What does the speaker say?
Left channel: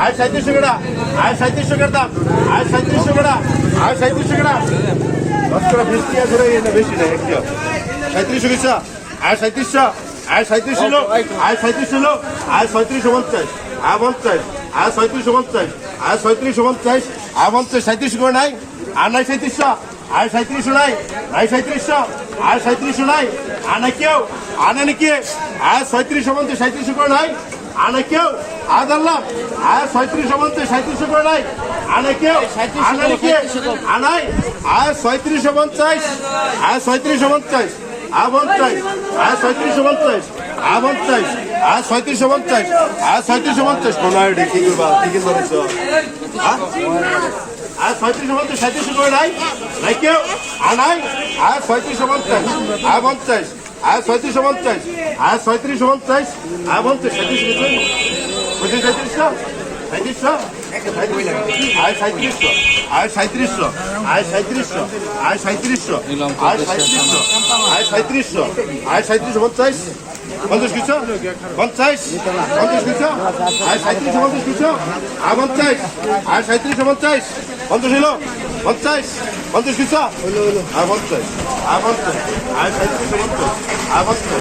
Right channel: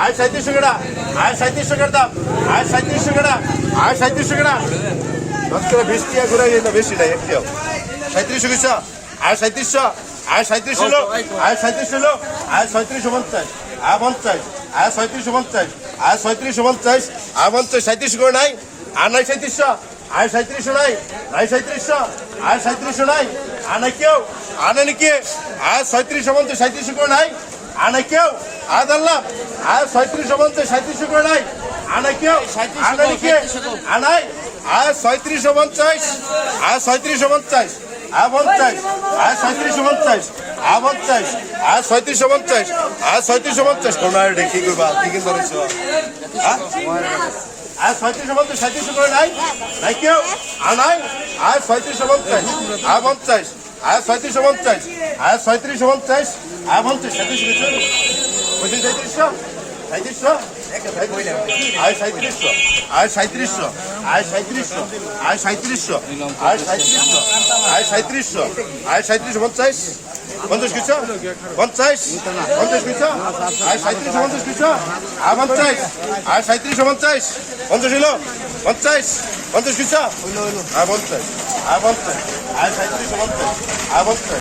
আয় সাঁত্রিশশো কেটা আয় সাঁত্রিশশো কেটার দাম আয় সাঁত্রিশশো কেটা আয় সাঁত্রিশশো কেটা দশ করে বিশ টিয়া ঘুরে এটা বেশি না একটু সাঁত্রিশশো কিসা আয় সাঁত্রিশশো আয় সাঁত্রিশ হলো আয় সাঁত্রিশ হলো আয় ছয়ত্রিশ পঞ্চাশ আয় পঞ্চাশ আয় ছয়ত্রিশ পঞ্চাশ আয় ছয়ত্রিশ পঞ্চাশ আয় পঞ্চাশ সাঁত্রিশ করে নাই আর নাই সাঁত্রিশশো আয় সাঁত্রিশশো নাই নাই সাঁত্রিশশো আয় সাঁত্রিশশো নাই আর নাই কেউ আনে নাকি আয় ছয়ত্রিশশো পঞ্চাশ সাঁত্রিশশো করে নাই আনে কেউ আয় দাল্লাম আয় ছয়ত্রিশশো পঞ্চাশ সাঁত্রিশশো করে নাই আনে কেউ আনে নাকি আনাই আয় ছয়ত্রিশশো পঞ্চাশ আয় ছয়ত্রিশশো পঞ্চাশ আয় পঞ্চাশ আয় ছয়ত্রিশশো পঞ্চাশ আয় পঞ্চাশ আয় ছয়ত্রিশশো পঞ্চাশ আয় ছয়ত্রিশশো পঞ্চাশ পনেরো ডে কি করবা কি কিন্তু আয় ছয়ত্রিশশো পঞ্চাশ সাঁত্রিশশো করে নাই নাই কেউ আনাই আয় ছয়ত্রিশশো পঞ্চাশ আয় পঞ্চাশ আয় ছয়ত্রিশশো পঞ্চাশ আয় ছয়ত্রিশশো পঞ্চাশ আয় পঞ্চাশ সাঁত্রিশশো পঁচিশ সাঁত্রিশশো সাঁত্রিশশো আয় সাঁত্রিশশো আয় সাঁত্রিশশো আয় সাঁত্রিশশো আয় সাঁত্রিশশো আয় সাঁত্রিশশো আয় সাঁত্রিশশো আয় সাঁত্রিশশো পঞ্চাশ পঞ্চাশ কিছু? পঞ্চাশ পঞ্চাশ কিছু? আয় সাঁত্রিশশো পঞ্চাশ কিছু? আয় পঞ্চাশ, আয় সাঁত্রিশশো পঞ্চাশ পঞ্চাশ হইল? পঞ্চাশ পঞ্চাশ কিছু? আয় পঞ্চাশ আয় পঞ্চাশ, আয় সাঁত্রিশশো পঞ্চাশ, আয় পঞ্চাশ।